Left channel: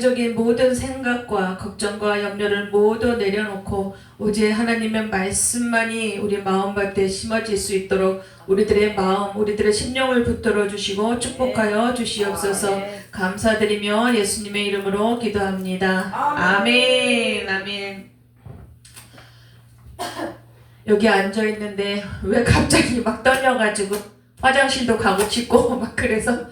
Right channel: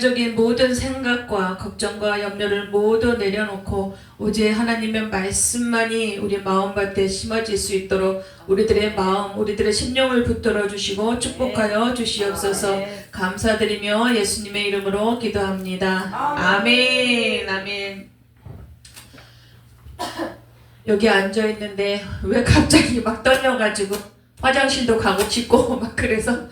적인 모든 생각과 걱정과 염려를 모두 내려놓고 오직 하나님의 말씀만이 우리 마음밭에 심어질 수 있도록 우리들의 마음, 우리들의 심령을 붙들어 주시고 축복하여 주시옵소서. 감사드리며 예수님의 이름으로 기도합니다. 아멘. 아멘. 여기 앉아 있는데 왜 갑자기 막 떨려가지고 화장실도 가고 싶고 막 그래서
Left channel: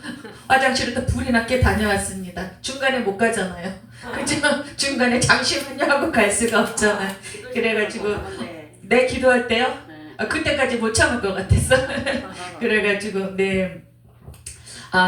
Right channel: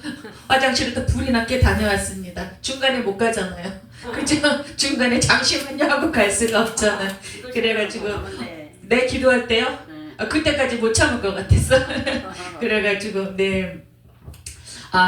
화장실도 불이 났게 다녀왔습니다. 중간에 못 가잖아요. 그죠? 중간에 잠시만요 하고 갈 수가 없잖아요. 그래가지고 내 기도할 때요? 그때까지 못 참을 것 같았어. 그래가지고 네.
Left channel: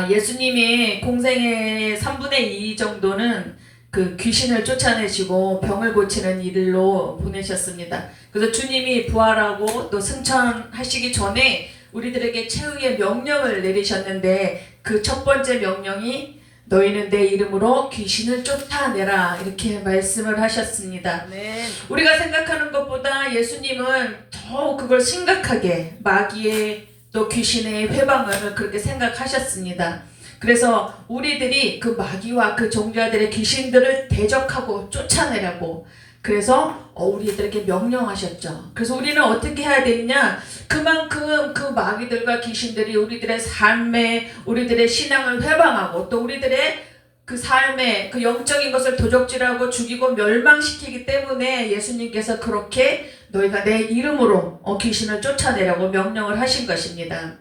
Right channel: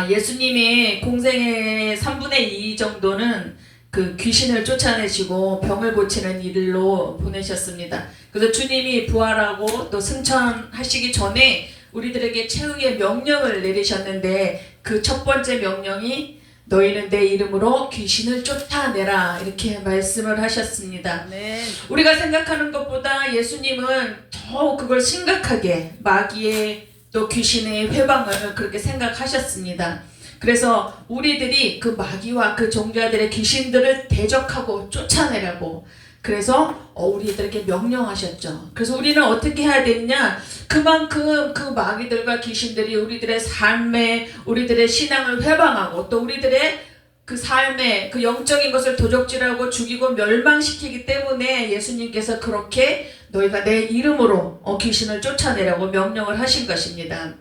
예수님이 공생의 3분의 2 정도는 그 귀신을 쫓아내시고 병을 고치는 일로 보내셨습니다. 그래서 주님이 부활하고 또 승천하시기 전에 우리들에게 최후의 명령을 내리셨는데 그 첫 번째 명령이 너희는 내 이름으로 귀신을 쫓아내라 이렇게 말씀을 하셨습니다. 네. 우리가 생각하는 것보다 예수님은 더 그걸 심각하게 마귀의 또 귀신의 회방을 그렇게 생각하셨습니다. 그래서 우리들이 그 마귀와 그 종자들의 귀신들을 대적하고 쫓아내라고 그래서 우리들에게 명령하셨죠. 그래서 우리는 어떻게 해야 되느냐? 그만큼 그 마귀들과 귀신들이 우리들의 삶에 우리들의 신앙을 회방하고 또 우리들의 그 삶에 그 영적인 것을 도적질하고 죽이고 멸망시키기 때문에 예수님께서 그렇게 너희가 내 이름으로 귀신을 쫓아내라고 명령을 하신 것입니다.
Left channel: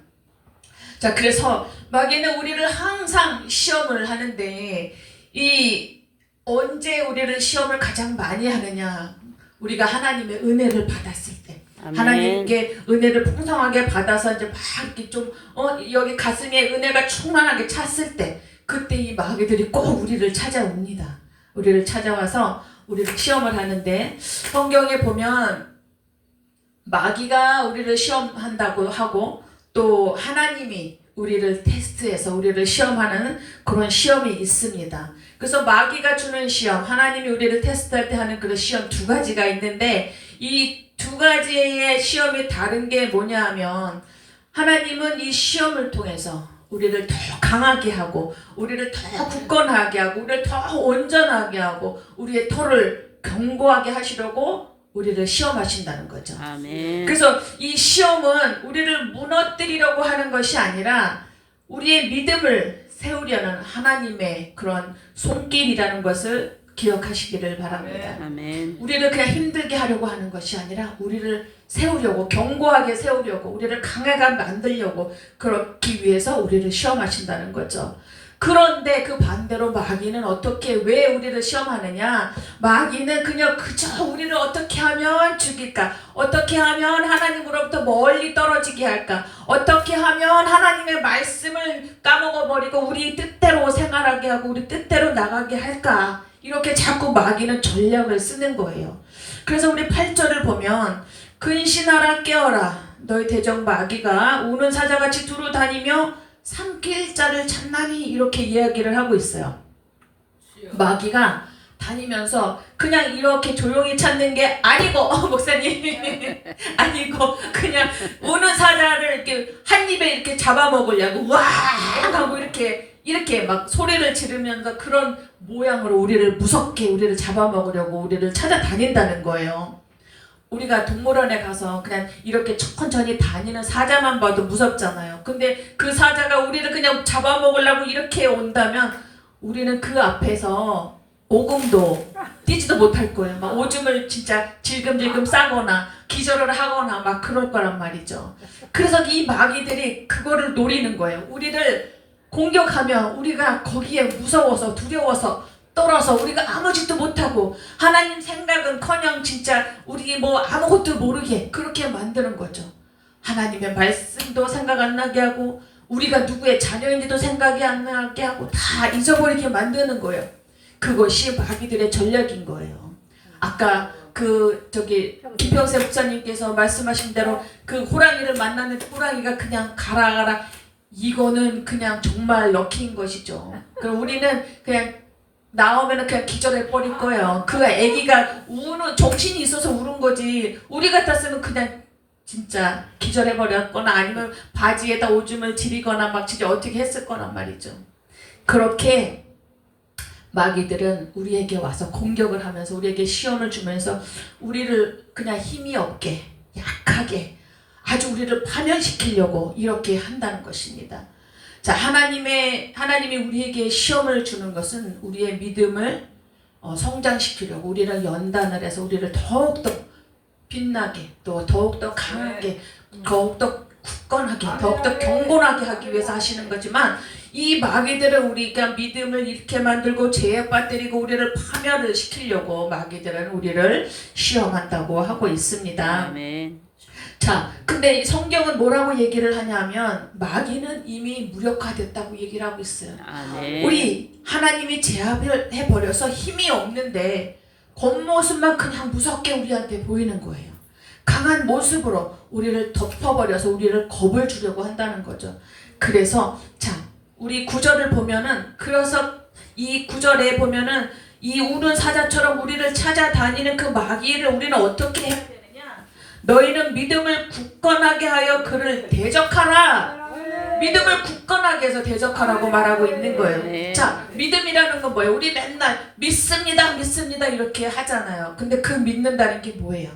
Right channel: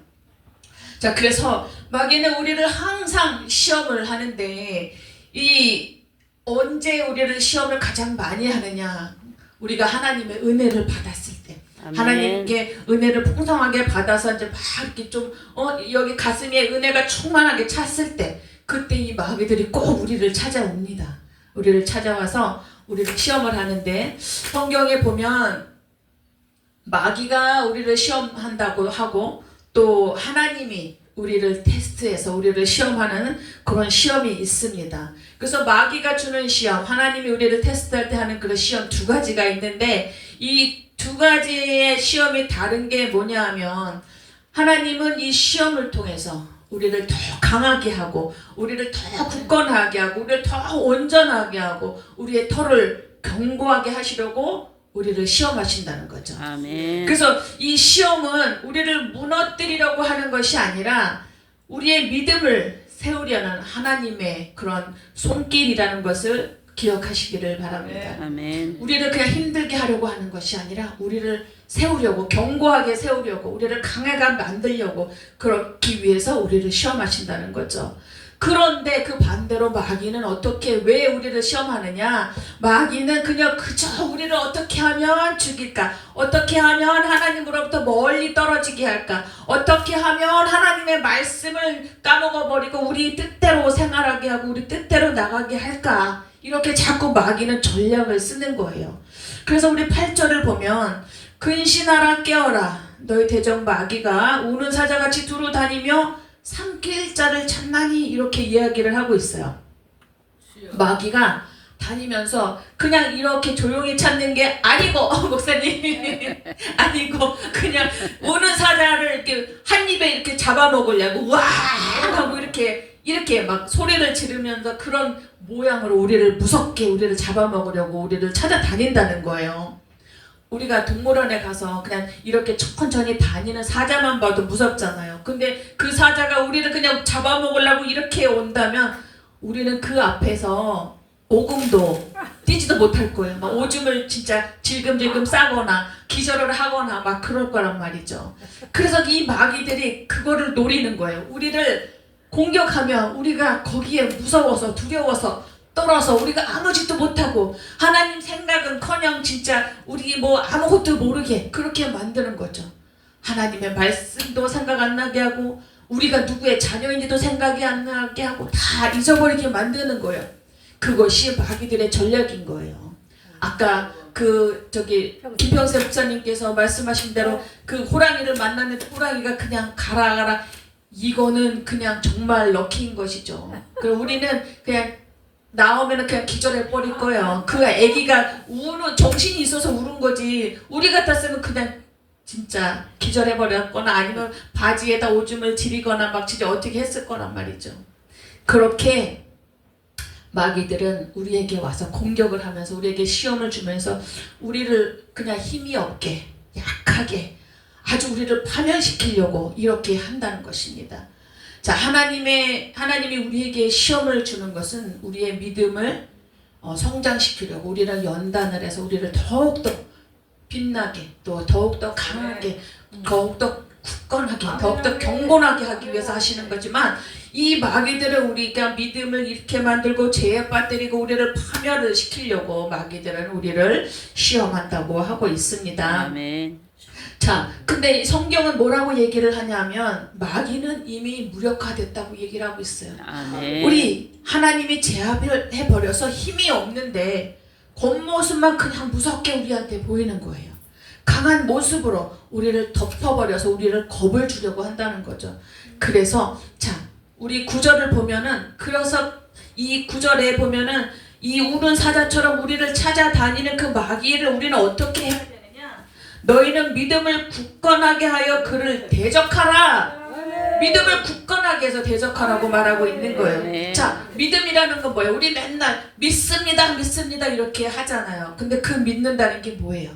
자, 그래서 마귀는 우리를 항상 시험을 하는데 언제 우리를 시험을 가장 많이 하느냐? 우리가 하나님의 은혜를 받았을 때. 아멘. 하나님께 은혜를 풍성하게 받아서 이제 막 이렇게 좀 여기 가슴에 은혜가 충만하게 찼을 때 그때 이 마귀들이 꼭 우리를 찾아옵니다. 우리를 찾아와서 우리를 시험을 하는데 성경에 보면 마귀가 우리를 시험한다고 하고 또 하나님이 우리를 테스트해서 우리를 시험하는 그런 시험이 있습니다. 그래서 마귀가 주는 시험, 하나님이 우리를 테스트할 때 하는 그런 시험 두 가지가 있는데 이 두 가지의 시험이 다른 게 뭐냐 하면 하나님은 이 시험을 통해서 우리를 더 강하게 하고 우리를 더 굳건하게 하고 우리를 더 온전하게 하고 우리의 털을 견고하게 하시려고 우리를 시험하신다는 거죠. 아멘. 그래서 이 시험은 우리를 무너뜨리려고 하는 것이 아니라 우리의 믿음을 세우려는 하나님의 그런 손길이라는 것을 기억하시기를 바랍니다. 아멘. 우리를 그냥 힘들게 하려고 하는 것이 아니라 우리를 세우려고 견고하게 세우려고 우리를 강하게 만들려고 그렇기 위해서 우리를 시험하신다는 거죠. 그런데 그 반대로 마귀는 왜 우리를 시험하느냐? 마귀는 그냥 그저 우리를 어떻게 하면 죽일까? 어떻게 하면 하나님으로부터 멀리 떨어지게 할까? 어떻게 하면 하나님의 말씀을 까먹어버리고 우리 뜻대로 생활하게 하고 우리 뜻대로 나가게 할까? 이렇게 자꾸 마귀는 전략을 쓰는 거예요. 그래서 우리 8절을 보면 근신하라 깨어라 너희 대적 마귀가 우는 사자같이 두루 다니며 삼킬 자를 찾나니 이렇게 이야기를 하고 있어요. 마귀가 다니면서 그냥 이렇게 조용히 찾는 게 아니고 목사님 아니고 그냥 오는 사자를 이렇게 한 입에 이렇게 잡아먹으려고 와 하고 이렇게 막 소리를 지르면서 그런 모양으로 우리를 무섭게 우리를 잡아먹으려고 우리를 찾아다닌다는 거예요. 우리가 동물원에 가서 그냥 이렇게 천천히 다니는 사자만 봐도 무섭잖아요. 근데 그 사자가 우리를 그냥 잡아먹으려고 이렇게 온다면 우리는 그 앞에서 오금도 뛰지도 못할 거예요. 막 오줌을 진짜 질금질금 싸거나 기절을 하거나 막 그럴 거란 말이죠. 그래서 이 마귀들이 그거를 노리는 거예요. 우리를 공격하면 우리가 거기에 무서워서 두려워서 떨어서 우리가 아무 짓도 못하고 하나님 생각은커녕 진짜 우리 아무것도 모르게 그렇게 만드는 거죠. 하나님의 말씀도 생각 안 나게 하고 우리가 누구의 자녀인지도 생각이 안 나게 하고 다 잊어버리게 만드는 거예요. 그것이 마귀들의 전략인 거예요. 아까 김평세 목사님께서 말씀하신 대로 그 호랑이를 만났는데 호랑이가 그냥 가라 이거는 그냥 정말 럭키인 것이죠. 그럼 우리는 그냥 나오면은 그냥 기절해버릴 거예요. 그 아기가 정신이 있어서 우는 거지. 우리 같았으면 그냥 진짜 기절해버렸거나 아니면 바지에다 오줌을 지리거나 막 진짜 어떻게 했을 거란 말이죠. 그렇게 마귀들은 우리에게 와서 공격을 하면서 우리에게 시험을 주면서 우리를 그냥 힘이 없게 약하게 아주 우리를 파멸시키려고 이렇게 한다는 것입니다. 자, 하나님이 우리에게 시험을 주는 것은 우리의 믿음을 성장시키려고 우리를 연단을 해서 우리를 더욱더 빛나게 또 더욱더 강하게 더욱더 굳건하게 더욱더 경건하게 하기 위해서 하시는 거지만 이 마귀들은 우리가 믿음을 잃게 만들고 죄에 빠뜨리고 우리를 파멸을 시키려고 마귀들은 우리를 시험한다고 하고 있습니다. 아멘. 자, 근데 성경은 뭐라고 얘기를 하냐면 마귀는 이미 무력화됐다고 얘기를 하고 있어요. 아멘. 우리 하나님이 제압을 해버려서 힘이 없는데 겉모습만 그냥 무섭게 우리한테 보이는 거예요. 강한 모습으로 우리를 덮어버려서 우리를 겁을 주려고 한다는 거죠. 그래서 자, 우리 구절을 보면은 그래서 이 구절에 보면은 이 우는 사자처럼 우리를 찾아다니는 그 마귀를 우리는 어떻게 해야 되느냐? 너희는 믿음을 굳건하게 하여 그를 대적하라. 믿음을 굳건하게 해서 대적하라고 말하고 있는 거예요. 네. 자, 믿음이라는 건 뭐예요? 우리 맨날 믿습니다, 믿습니다 이렇게 하잖아요. 근데 그 믿는다는 게 뭐예요?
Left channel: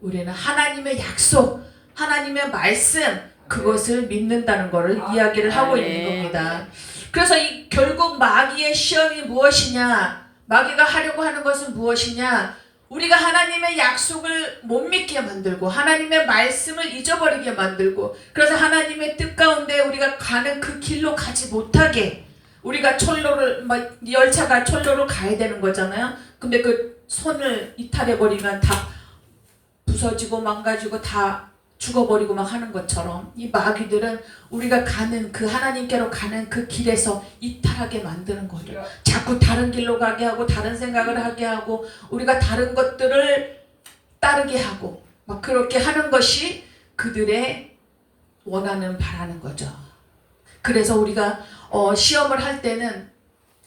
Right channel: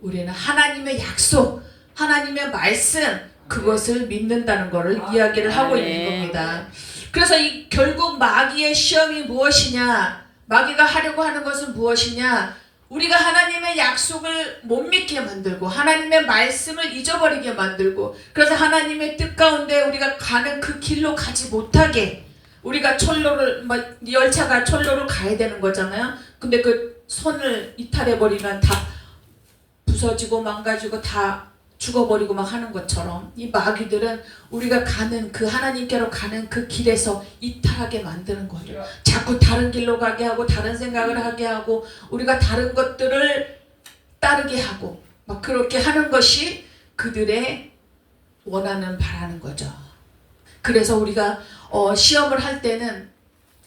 우리는 하나님의 약속, 하나님의 말씀 그것을 믿는다는 것을 이야기를 하고 있는 겁니다. 그래서 결국 마귀의 시험이 무엇이냐? 마귀가 하려고 하는 것은 무엇이냐? 우리가 하나님의 약속을 못 믿게 만들고 하나님의 말씀을 잊어버리게 만들고 그래서 하나님의 뜻 가운데 우리가 가는 그 길로 가지 못하게 우리가 열차가 철로를 가야 되는 거잖아요. 근데 그 손을 이탈해버리면 다 부서지고 망가지고 다 죽어버리고 막 하는 것처럼 이 마귀들은 우리가 가는 그 하나님께로 가는 그 길에서 이탈하게 만드는 거예요. 자꾸 다른 길로 가게 하고 다른 생각을 하게 하고 우리가 다른 것들을 따르게 하고 막 그렇게 하는 것이 그들의 원하는 바라는 거죠. 그래서 우리가 시험을 할 때는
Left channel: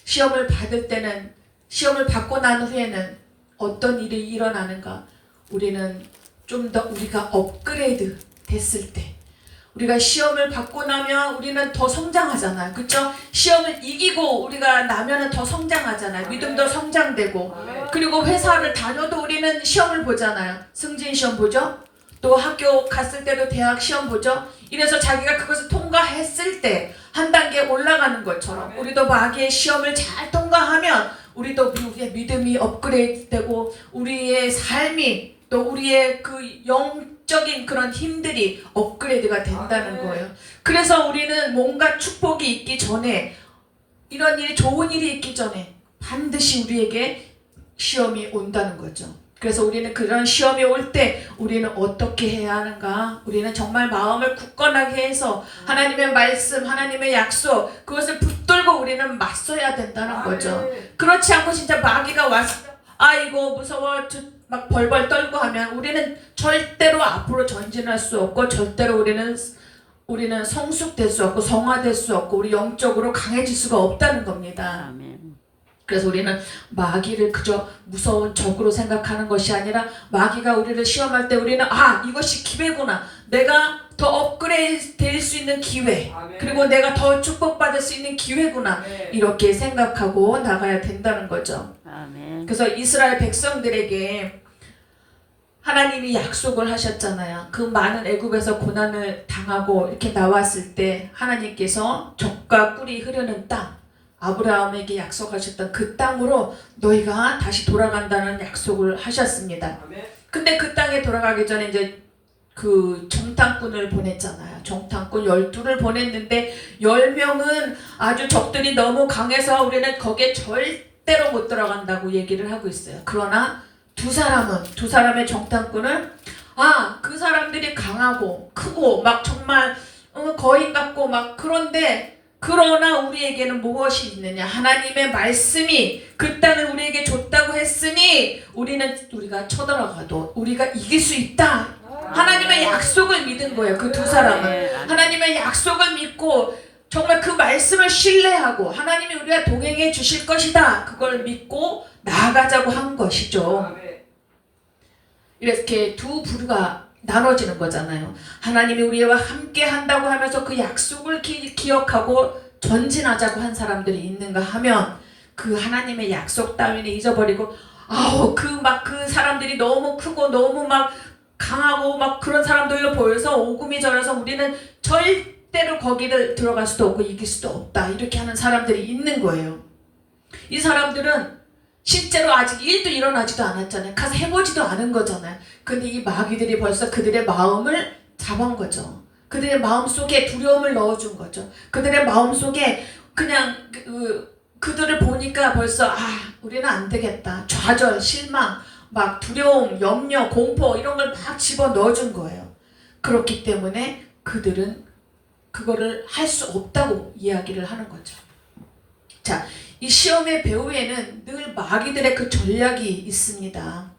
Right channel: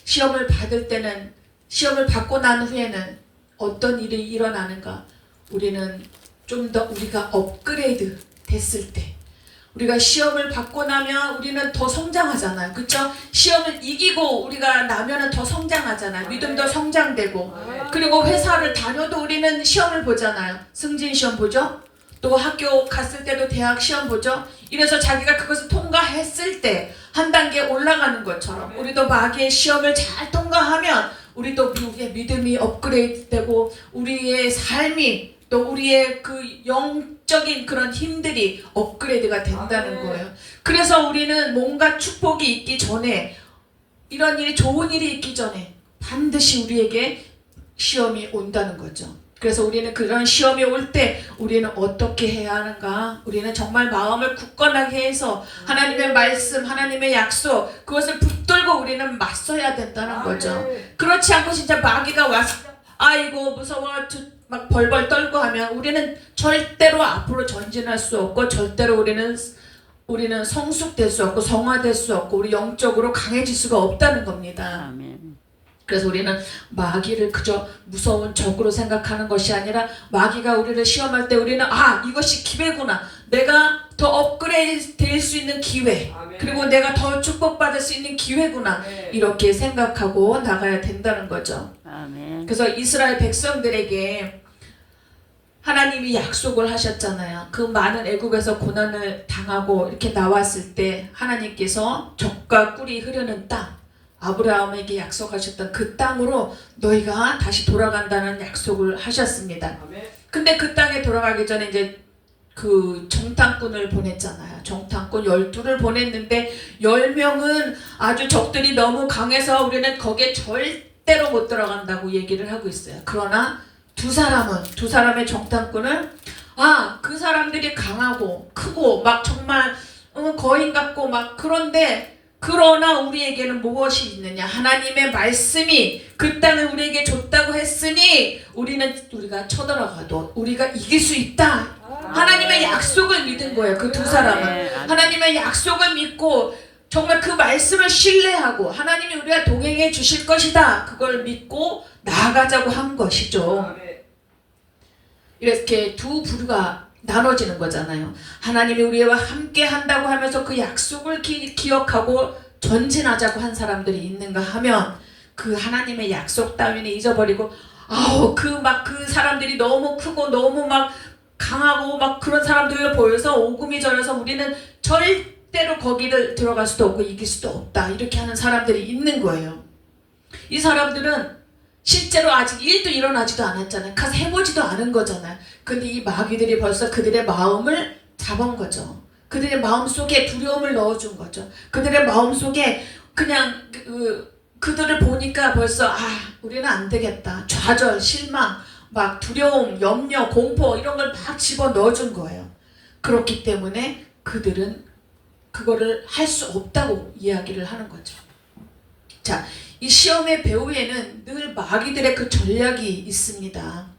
시험을 받을 때는 시험을 받고 난 후에는 어떤 일이 일어나는가? 우리는 좀 더 우리가 업그레이드 됐을 때 우리가 시험을 받고 나면 우리는 더 성장하잖아요. 그렇죠? 시험을 이기고 우리가 나면은 더 성장하잖아요. 믿음도 성장되고 그리고 회사를 다녀도 우리는 시험을 보잖아요. 승진 시험 보죠? 또 학교 갔을 때도 대학 시험 보죠? 이래서 자기가 그것을 통과했을 때 한 단계 올라가는 것처럼 우리도 마귀의 시험을 잘 통과하면 우리도 우리의 믿음이 업그레이드되고 우리의 삶이 또 우리의 그 영적인 그런 힘들이 업그레이드가 된다는 거예요. 그래서 우리는 뭔가 축복이 있기 전에 이런 일이 좋은 일이 있기 전에 반드시 우리에게 시험이 온다는 거죠. 그래서 우리는 그런 시험이 올 때 우리는 어떻게 해야 하는가? 우리는 정말 마음을 굳건하게 해서 하나님의 말씀, 하나님의 약속 그것을 붙들고 우리는 맞서야 된다는 거죠. 그렇지 않고 진짜 마귀가 와서 아이고 무서워 막 벌벌 떨고 하면 우리는 절대로 앞으로 전진할 수 없고 절대로 우리는 성숙될 수 없고 성화될 수 없고 우리 영적으로 강해질 수가 없다는 겁니다. 아멘. 그래서 우리는 마귀를 그저 무서운 적으로 생각하는 것이 아니라 마귀가 우리를 시험할 때 우리는 이것이 기회구나. 내가 더 업그레이드 될 수 있는 기회. 그리고 내가 더 축복받을 수 있는 기회구나. 이렇게 생각하고 나가야 된다는 거죠. 아멘. 그래서 이스라엘 백성들에게 하나님이 약속을 하셨잖아요. 그 많은 애굽에서 고난을 당하고 이렇게 나왔을 때 하나님께서 젖과 꿀이 흐르는 땅 아브라함에게 약속하셨던 그 땅으로 너희가 다시 돌아간다는 약속을 하셨습니다. 근데 그 땅에 돌아가기 전에 이제 그 정탐꾼을 보냈잖아요. 정탐꾼 12를 보냈는데 10명은 아주 적들이 너무 강해서 우리는 거기에 절대로 못 들어간다고 얘기를 하고 있어요. 그러나 두 사람의 정탐꾼은 그 사람들이 강하고 크고 막 정말 거인 같고 막 그러나 우리에게는 무엇이 있느냐? 하나님의 말씀이 그 땅을 우리에게 줬다고 했으니 우리가 쳐들어가도 우리가 이길 수 있다. 하나님의 약속을 믿은 거예요. 그 두 사람은 하나님의 약속을 믿고 정말 그 말씀을 신뢰하고 하나님이 우리가 동행해 주실 것이다. 그걸 믿고 나아가자고 한 것이죠. 이렇게 두 부류가 나눠지는 거잖아요. 하나님이 우리와 함께 한다고 하면서 그 약속을 기억하고 전진하자고 한 사람들이 있는가 하면 그 하나님의 약속 따위는 잊어버리고 아우 그 사람들이 너무 크고 너무 막 강하고 막 그런 사람들로 보여서 오금이 저려서 우리는 절대로 거기를 들어갈 수도 없고 이길 수도 없다 이렇게 하는 사람들이 있는 거예요. 이 사람들은 실제로 아직 일도 일어나지도 않았잖아요. 가서 해보지도 않은 거잖아요. 근데 이 마귀들이 벌써 그들의 마음을 잡은 거죠. 그들의 마음속에 두려움을 넣어준 거죠. 그들의 마음속에 그냥 그들을 보니까 벌써 우리는 안 되겠다. 좌절, 실망, 막 두려움, 염려, 공포 이런 걸 막 집어 넣어준 거예요. 그렇기 때문에 그들은 그거를 할 수 없다고 이야기를 하는 거죠. 자, 이 시험의 배후에는 늘 마귀들의 그 전략이 있습니다.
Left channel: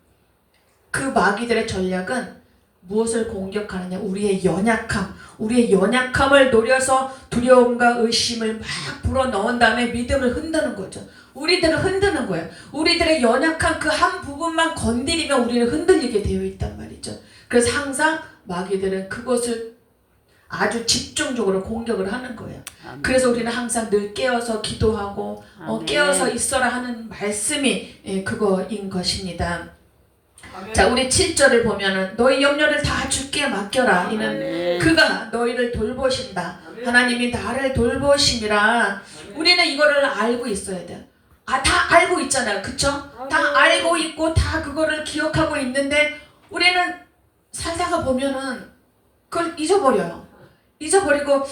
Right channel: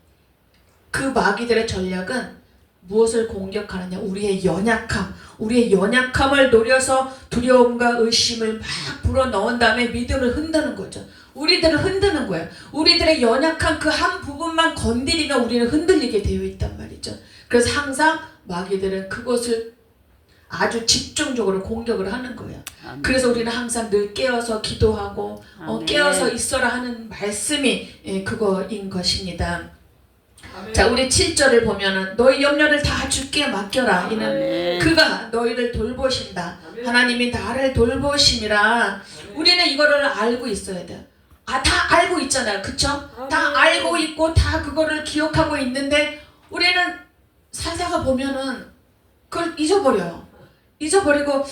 그 마귀들의 전략은 무엇을 공격하느냐? 우리의 연약함, 우리의 연약함을 노려서 두려움과 의심을 막 불어넣은 다음에 믿음을 흔드는 거죠. 우리들을 흔드는 거예요. 우리들의 연약한 그 한 부분만 건드리면 우리는 흔들리게 되어 있단 말이죠. 그래서 항상 마귀들은 그것을 아주 집중적으로 공격을 하는 거예요. 아멘. 그래서 우리는 항상 늘 깨어서 기도하고 깨어서 있어라 하는 말씀이 그거인 것입니다. 아멘. 자, 우리 7절을 보면은 너희 염려를 다 주께 맡겨라. 이는 아멘. 그가 너희를 돌보신다. 아멘. 하나님이 나를 돌보심이라. 아멘. 우리는 이거를 알고 있어야 돼요. 다 알고 있잖아요. 그쵸? 다 알고 있고 다 그거를 기억하고 있는데 우리는 살다가 보면은 그걸 잊어버려요. 잊어버리고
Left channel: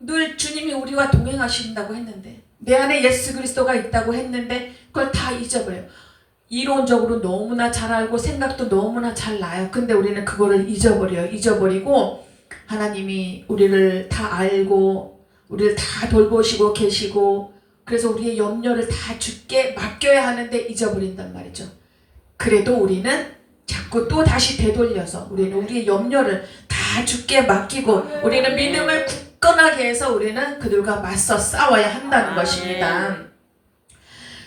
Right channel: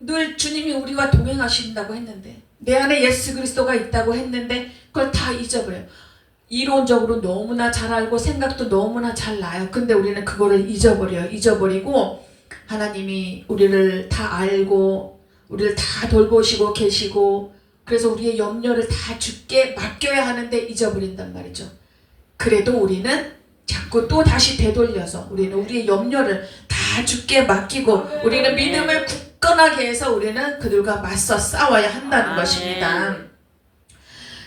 늘 주님이 우리와 동행하신다고 했는데 내 안에 예수 그리스도가 있다고 했는데 그걸 다 잊어버려요. 이론적으로 너무나 잘 알고 생각도 너무나 잘 나요. 근데 우리는 그거를 잊어버려요. 잊어버리고 하나님이 우리를 다 알고 우리를 다 돌보시고 계시고 그래서 우리의 염려를 다 주께 맡겨야 하는데 잊어버린단 말이죠. 그래도 우리는 자꾸 또 다시 되돌려서 우리는 우리의 염려를 다 주께 맡기고 우리는 믿음을 굳건하게 해서 우리는 그들과 맞서 싸워야 한다는 것입니다.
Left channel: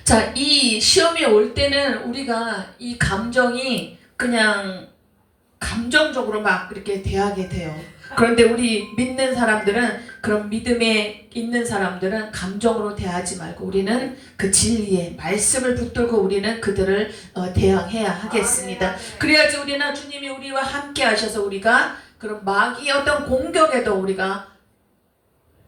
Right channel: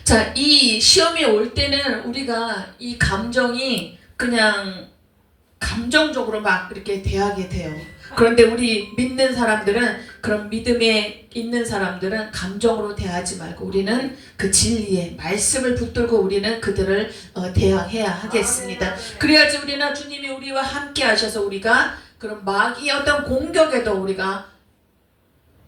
자, 이 시험이 올 때는 우리가 이 감정이 그냥 감정적으로 막 이렇게 대하게 돼요. 그런데 우리 믿는 사람들은 그런 믿음에 있는 사람들은 감정으로 대하지 말고 우리는 그 진리의 말씀을 붙들고 우리는 그들을 대항해야 하겠습니다. 그래야지 우리는 주님이 우리와 함께 하셔서 우리가 그런 마귀의 어떤 공격에도 우리가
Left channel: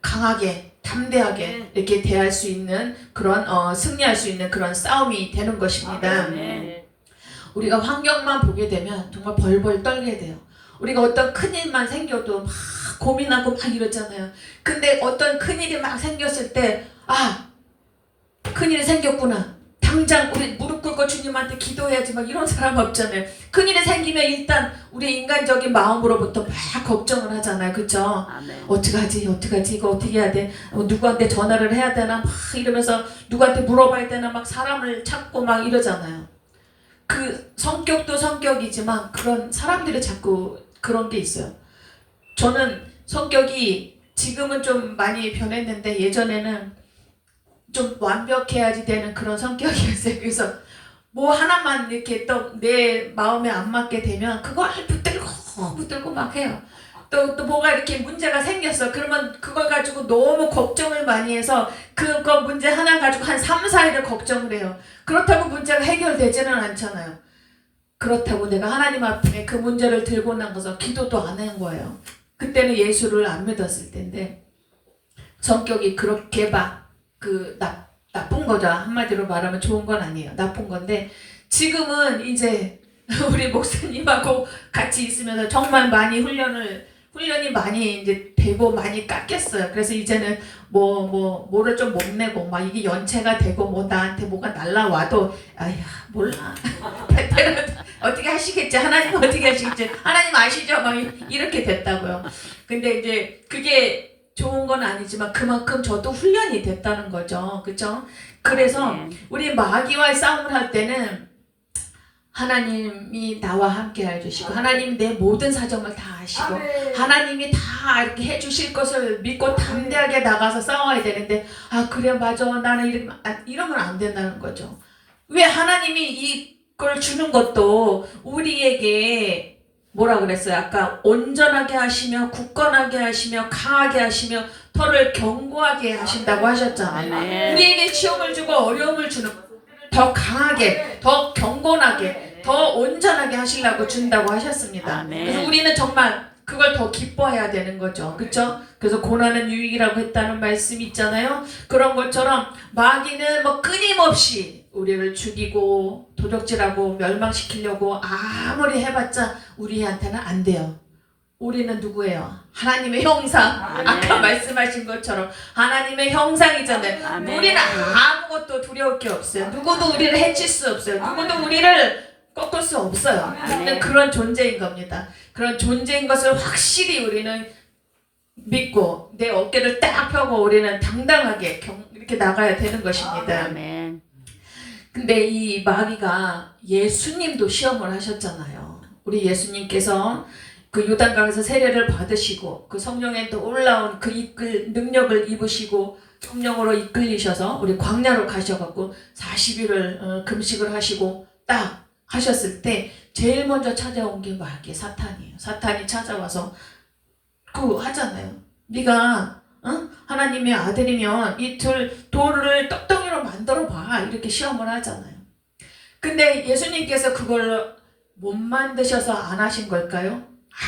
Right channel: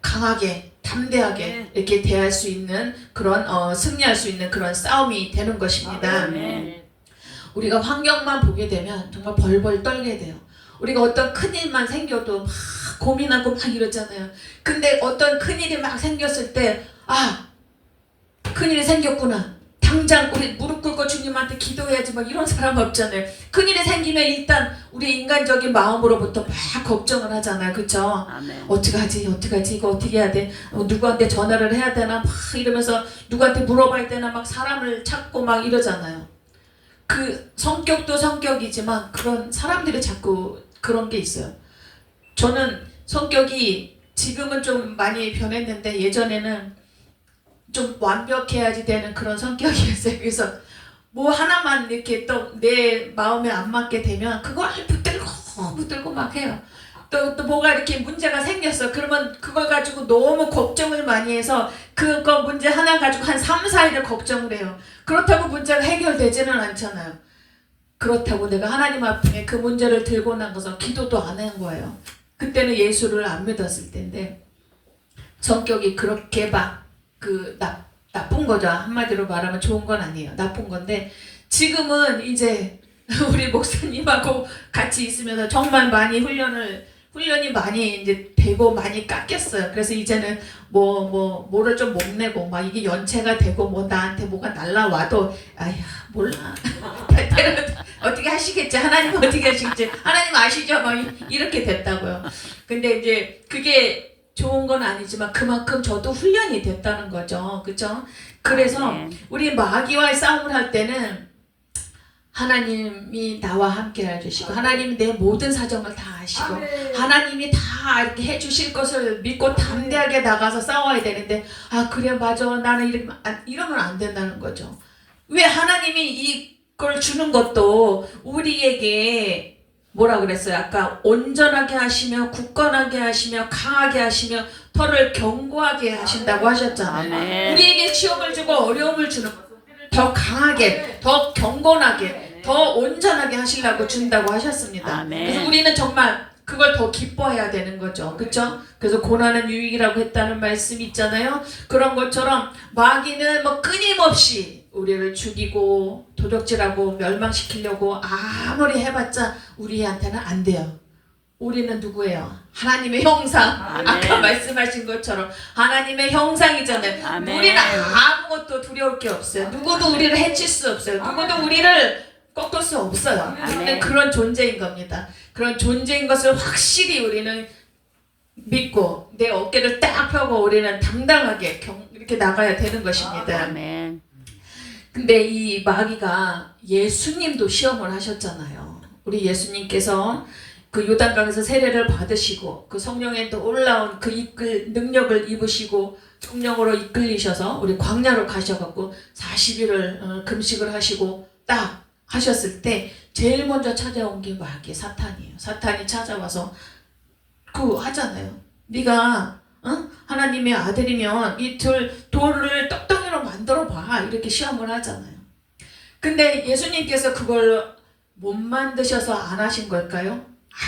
강하게 담대하게 이렇게 대할 수 있는 그런 승리할 수 있는 그런 싸움이 되는 것입니다. 우리가 환경만 보게 되면 정말 벌벌 떨게 돼요. 우리가 어떤 큰일만 생겨도 막 고민하고 막 이러잖아요. 근데 어떤 큰일이 막 생겼을 때 큰일이 생겼구나. 당장 우리 무릎 꿇고 주님한테 기도해야지 막 이런 사람 없잖아요. 큰일이 생기면 일단 우리 인간적인 마음으로부터 막 걱정을 하잖아요. 그쵸? 아멘. 어떡하지 이거 어떻게 해야 돼? 누구한테 전화를 해야 되나 막 이러면서 누구한테 물어봐야 되나 막 사람을 찾고 막 이러잖아요. 그 성격도 성격이지만 그런 사람들이 자꾸 그런 게 있어요. 저는 성격이 지금은 좀 많이 변했는데 예전에는 좀 완벽해야지 되는 그런 성격이었어요. 그래서 뭐 하나만 이렇게 또 내 마음에 안 맞게 되면 그걸 붙들고 막 해요. 또 뭐가 이렇게 문제가 생겼어. 그러면 그걸 가지고 너무 걱정을 많이 해서 그거 문제 하나 가지고 한 3, 4일을 걱정을 해요. 그렇다고 문제가 해결되지는 않잖아요. 그렇다고 내가 하나님 앞에 그 문제를 들고 나가서 기도도 안 한 거예요. 그때는 예수를 안 믿었을 텐데 성격이 그렇게 막 나쁜 거죠. 한마디로 말하면 좋은 건 아니에요. 나쁜 건데 지금은 이제 우리 목사님하고 같이 있으면서 정말 많이 훈련이 많이 이제 되고 많이 깎였어요. 그래서 이제는 뭐를 좀 못 내고 막 이게 연체가 되고 뭐 나한테 뭐가 날라와도 몰라. 어떻게 하시겠지? 하나님 어떻게 하시겠지? 하나님 아시죠? 막 이렇게 됐다고요. 근데 이제 그게 좋은 건 아니지만 그만큼 저도 훈련이 됐다는 거죠. 그렇죠? 그래서 우리 마귀와의 싸움을 할 때는 하나님이 나와 함께 해주시고 하나님이 내 모든 사정을 다 아시고 하나님이 다 이렇게 해주실 것을 믿고 담대하게 나가서 싸워야 되는데 그래 맞아 나는 이러면 안 된다는 거죠. 왜 하나님이 이걸 주는 것도 우리에게 뭐라 그랬어요? 아까 온전하게 하시며 굳건하게 하시며 강하게 하시며 털을 견고하게 하신다고 하셨잖아요. 아멘. 우리에게 시험을 주고 어려움을 주는 것은 우리를 더 강하게, 더 경건하게, 더 온전하게 하시려고 준다고 하셨습니다. 아멘. 그래서 우리는 정말 그걸 더 기뻐해야 되는 거죠. 그렇죠? 그래서 고난은 유익이라고 했다는 말씀이 있잖아요. 그런 것처럼 마귀는 뭐 끊임없이 우리를 죽이고 도적질하고 멸망시키려고 아무리 해봤자 우리한테는 안 돼요. 우리는 누구예요? 하나님의 형상. 아멘. 아까 말씀하신 것처럼 하나님의 형상이잖아요. 아멘. 우리는 아무것도 두려울 게 없어요. 누구도 우리를 해칠 수 없어요. 누구도 우리를 꺾을 수 없어요. 우리는 그런 존재인 겁니다. 그런 존재인 것을 확실히 우리는 믿고 내 어깨를 딱 펴고 우리는 당당하게 이렇게 나가야 되는 것입니다. 아멘. 근데 이 마귀가 예수님도 시험을 하셨잖아요. 우리 예수님께서 그 요단강에서 세례를 받으시고 그 성령에 또 올라온 그 이끌 능력을 입으시고 성령으로 이끌리셔서 우리 광야로 가셔갖고 40일을 금식을 하시고 딱 하셨을 때 제일 먼저 찾아온 게 마귀 사탄이에요. 사탄이 찾아와서 그 하잖아요. 네가 하나님의 아들이면 이 돌을 떡덩이로 만들어 봐 이렇게 시험을 하잖아요. 근데 예수님께서 그걸 못 만드셔서 안 하신 걸까요?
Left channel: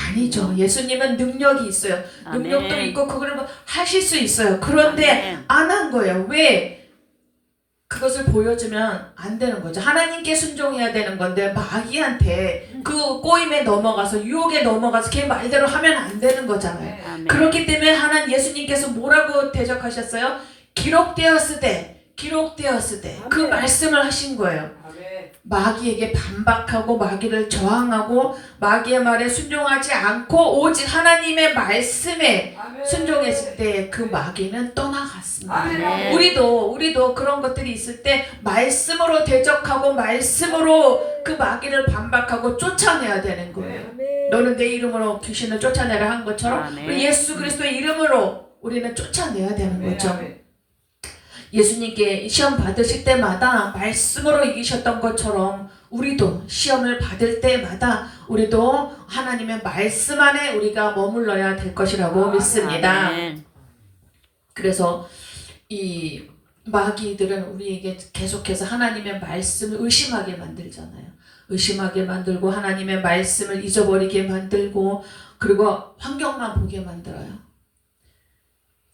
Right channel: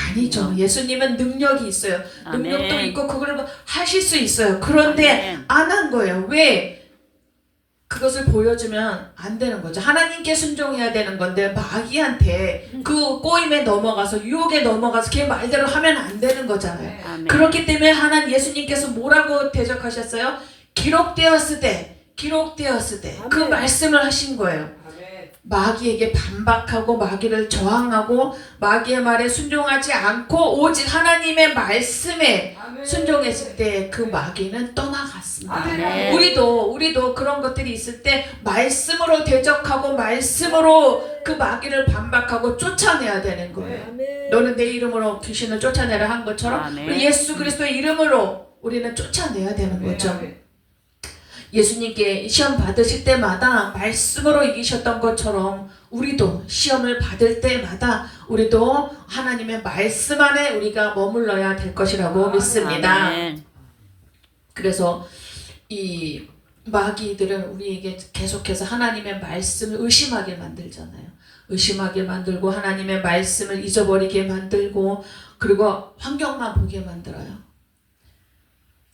아니죠. 예수님은 능력이 있어요. 능력도 아멘. 있고 그걸 하실 수 있어요. 그런데 아멘. 안 한 거예요. 왜? 그것을 보여주면 안 되는 거죠. 하나님께 순종해야 되는 건데 마귀한테 그 꼬임에 넘어가서 유혹에 넘어가서 걔 말대로 하면 안 되는 거잖아요. 아멘. 그렇기 때문에 하나님 예수님께서 뭐라고 대적하셨어요? 기록되었으되 그 말씀을 하신 거예요. 마귀에게 반박하고 마귀를 저항하고 마귀의 말에 순종하지 않고 오직 하나님의 말씀에 순종했을 때 그 마귀는 떠나갔습니다. 아멘. 우리도 그런 것들이 있을 때 말씀으로 대적하고 말씀으로 그 마귀를 반박하고 쫓아내야 되는 거예요. 너는 내 이름으로 귀신을 쫓아내라 한 것처럼 아멘. 우리 예수 그리스도의 이름으로 우리는 쫓아내야 되는 거죠. 예수님께 시험 받으실 때마다 말씀으로 이기셨던 것처럼 우리도 시험을 받을 때마다 우리도 하나님의 말씀 안에 우리가 머물러야 될 것이라고 믿습니다. 아멘. 그래서 이 마귀들은 우리에게 계속해서 하나님의 말씀을 의심하게 만들잖아요. 의심하게 만들고 하나님의 말씀을 잊어버리게 만들고 그리고 환경만 보게 만들어요.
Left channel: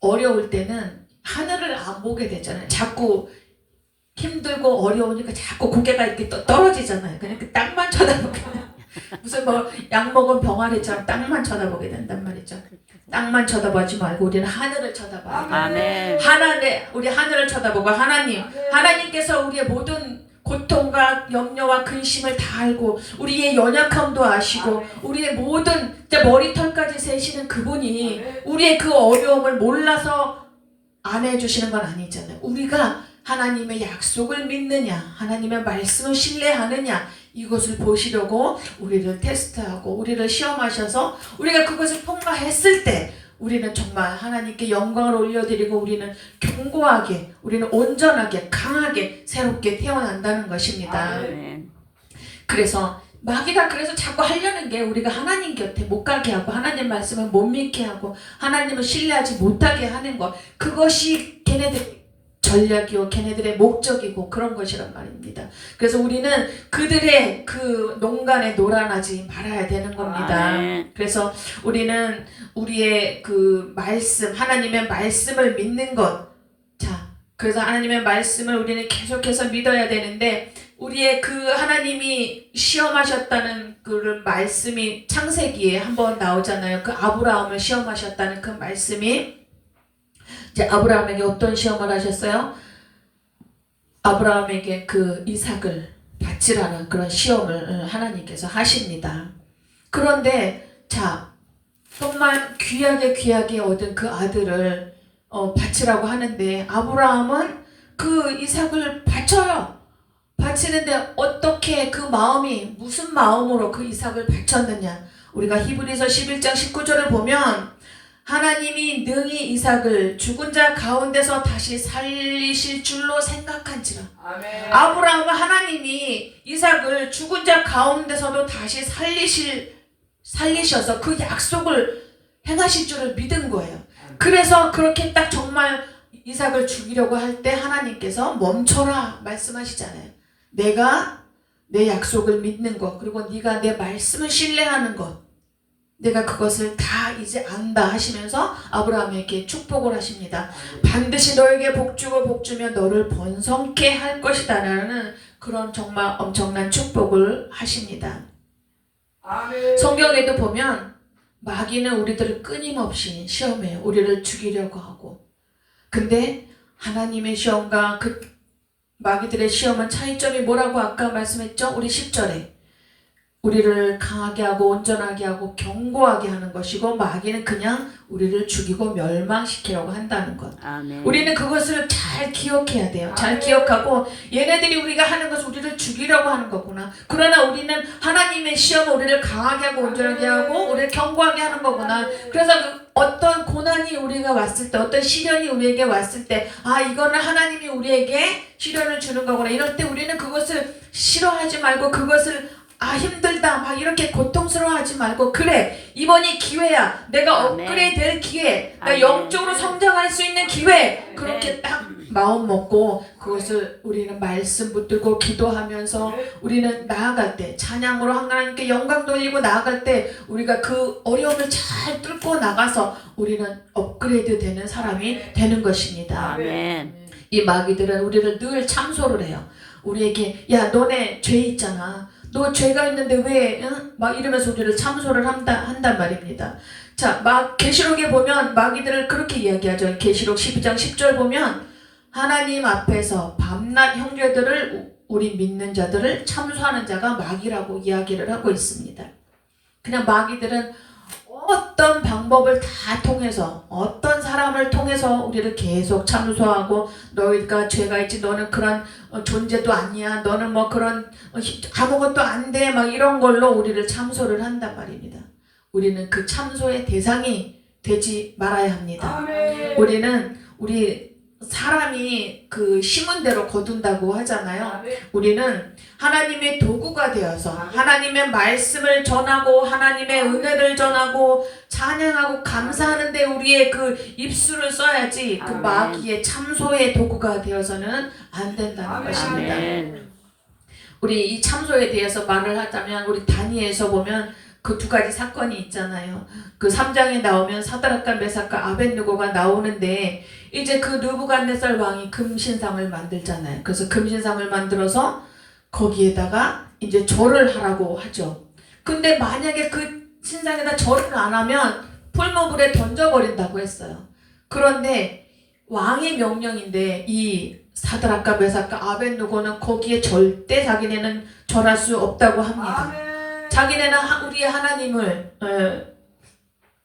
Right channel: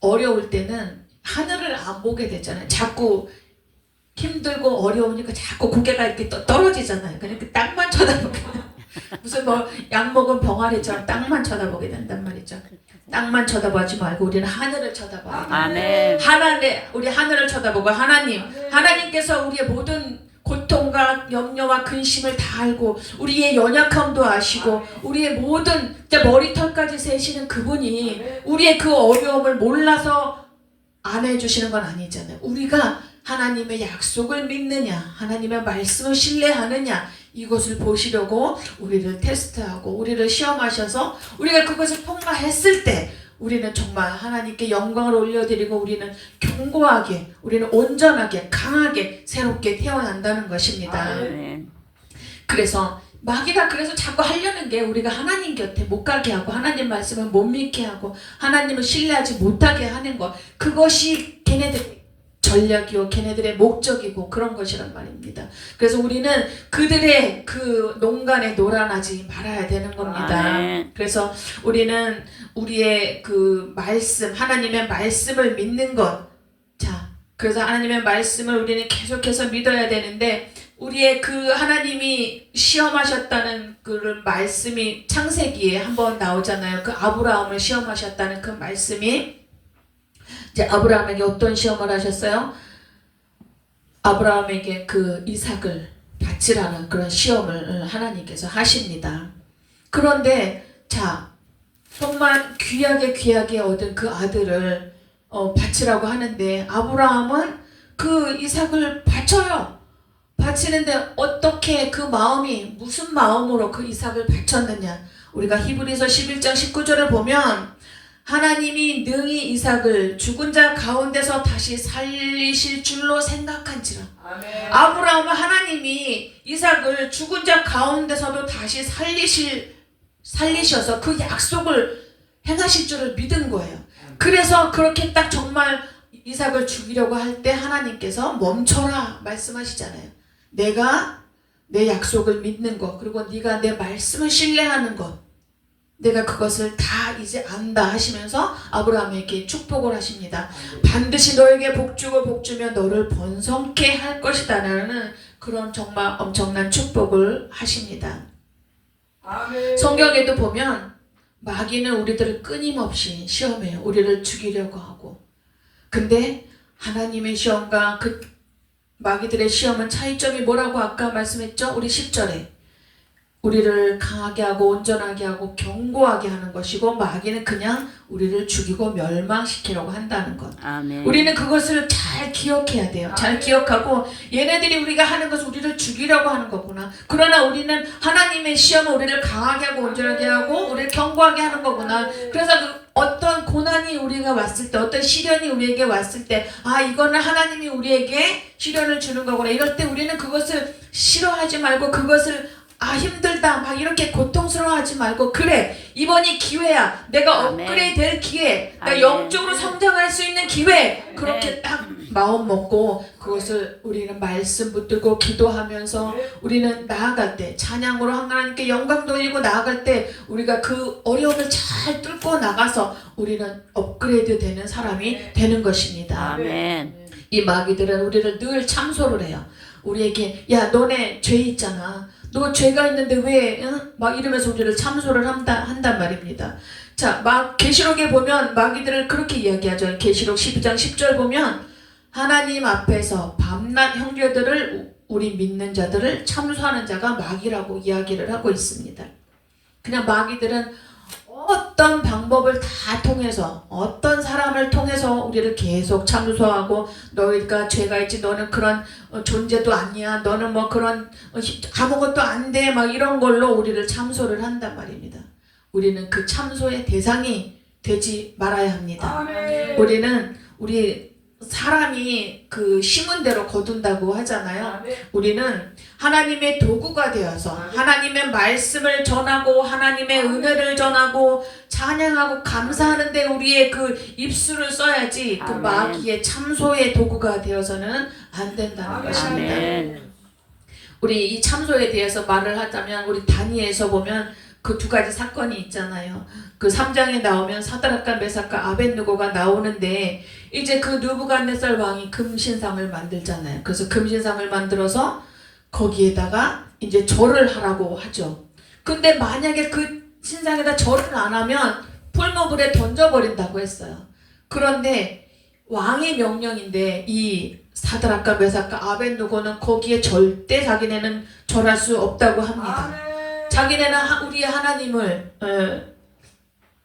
어려울 때는 하늘을 안 보게 되잖아요. 자꾸 힘들고 어려우니까 자꾸 고개가 이렇게 떨어지잖아요. 그냥 그 땅만 쳐다보게 무슨 뭐 약 먹은 병아리처럼 땅만 쳐다보게 된단 말이죠. 땅만 쳐다보지 말고 우리는 하늘을 쳐다봐야 돼요. 아멘. 우리 하늘을 쳐다보고 하나님께서 우리의 모든 고통과 염려와 근심을 다 알고 우리의 연약함도 아시고 우리의 모든 머리털까지 세시는 그분이 우리의 그 어려움을 몰라서 안 해주시는 건 아니잖아요. 우리가 하나님의 약속을 믿느냐 하나님의 말씀을 신뢰하느냐 이것을 보시려고 우리를 테스트하고 우리를 시험하셔서 우리가 그것을 통과했을 때 우리는 정말 하나님께 영광을 올려드리고 우리는 견고하게 우리는 온전하게 강하게 새롭게 태어난다는 것입니다. 아멘. 그래서 마귀가 그래서 자꾸 하려는 게 우리가 하나님 곁에 못 가게 하고 하나님 말씀을 못 믿게 하고 하나님을 신뢰하지 못하게 하는 것 그것이 걔네들의 전략이고 걔네들의 목적이고 그런 것이란 말입니다. 그래서 우리는 그들의 그 농간에 놀아나지 말아야 되는 겁니다. 아멘. 그래서 우리는 우리의 그 말씀 하나님의 말씀을 믿는 것 그래서 하나님의 말씀을 우리는 계속해서 믿어야 되는데 우리의 그 하나님이 시험하셨다는 그 말씀이 창세기에 한번 나오잖아요. 그 아브라함을 시험하셨다는 그 말씀이 이제 아브라함에게 어떤 시험을 하셨어요? 아브라함에게 그 이삭을 바치라는 그런 시험을 하나님께서 하십니다. 그런데 정말 귀하게 얻은 그 아들을 바치라고 하는데 아브라함은 그 이삭을 바쳐요. 바치는데 어떻게 그 마음이 무슨 마음으로 그 이삭을 바쳤느냐 우리가 히브리서 11장 19절을 보면 하나님이 능히 이삭을 죽은 자 가운데서 다시 살리실 줄로 생각한지라. 아멘. 아브라함은 하나님이 이삭을 죽은 자 가운데서도 다시 살리실 살리셔서 그 약속을 행하실 줄을 믿은 거예요. 그래서 그렇게 딱 정말 이삭을 죽이려고 할 때 하나님께서 멈춰라 말씀하시잖아요. 내가 내 약속을 믿는 것, 그리고 네가 내 말씀을 신뢰하는 것, 내가 그것을 다 이제 안다 하시면서 아브라함에게 축복을 하십니다. 반드시 너에게 복주고 복주며 너를 번성케 할 것이다 라는 그런 정말 엄청난 축복을 하십니다. 성경에도 보면 마귀는 우리들을 끊임없이 시험해요. 우리를 죽이려고 하고. 근데 하나님의 시험과 그 마귀들의 시험은 차이점이 뭐라고 아까 말씀했죠? 우리 10절에 우리를 강하게 하고 온전하게 하고 견고하게 하는 것이고, 마귀는 그냥 우리를 죽이고 멸망시키려고 한다는 것. 아멘. 우리는 그것을 잘 기억해야 돼요. 잘 기억하고 얘네들이 우리가 하는 것은 우리를 죽이려고 하는 거구나. 그러나 우리는 하나님의 시험은 우리를 강하게 하고 온전하게 하고 우리를 견고하게 하는 거구나. 그래서 어떤 고난이 우리가 왔을 때, 어떤 시련이 우리에게 왔을 때, 아 이거는 하나님이 우리에게 시련을 주는 거구나. 이럴 때 우리는 그것을 싫어하지 말고, 그것을 아 힘들다 막 이렇게 고통스러워하지 말고, 그래 이번이 기회야, 내가 아멘. 업그레이드 될 기회, 나 아멘. 영적으로 성장할 수 있는 기회, 그렇게 딱 마음 먹고 그것을 우리는 말씀 붙들고 기도하면서 우리는 나아갈 때, 찬양으로 하나님께 영광 돌리고 나아갈 때, 우리가 그 어려움을 잘 뚫고 나가서 우리는 업그레이드 되는 사람이 되는 것입니다. 아멘. 이 마귀들은 우리를 늘 참소를 해요. 우리에게 야 너네 죄 있잖아, 너 죄가 있는데 왜 응? 막 이러면서 우리를 참소를 한단 말입니다. 자, 계시록에 보면 마귀들을 그렇게 이야기하죠. 계시록 12장 10절 보면 하나님 앞에서 밤낮 형제들을, 우리 믿는 자들을 참소하는 자가 마귀라고 이야기를 하고 있습니다. 그냥 마귀들은 어떤 방법을 다 통해서, 어떤 사람을 통해서 우리를 계속 참소하고, 너희가 죄가 있지, 너는 그런 존재도 아니야, 너는 뭐 그런 아무것도 안 돼, 막 이런 걸로 우리를 참소를 한단 말입니다. 우리는 그 참소의 대상이 되지 말아야 합니다. 우리는 우리 사람이 그 심은 대로 거둔다고 하잖아요. 우리는 하나님의 도구가 되어서 하나님의 말씀을 전하고 하나님의 은혜를 전하고 찬양하고 감사하는데 우리의 그 입술을 써야지, 그 마귀의 참소의 도구가 되어서는 안 된다는 것입니다. 우리 이 참소에 대해서 말을 하자면, 우리 다니엘서 보면 그 두 가지 사건이 있잖아요. 그 3장에 나오면 사드락과 메삭과 아벳느고가 나오는데, 이제 그 느부갓네살 왕이 금신상을 만들잖아요. 그래서 금신상을 만들어서 거기에다가 이제 절을 하라고 하죠. 근데 만약에 그 신상에다 절을 안 하면 풀무불에 던져버린다고 했어요. 그런데 왕의 명령인데 이 사드락과 메삭과 아벳느고는 거기에 절대 자기네는 절할 수 없다고 합니다. 자기네는 우리 하나님을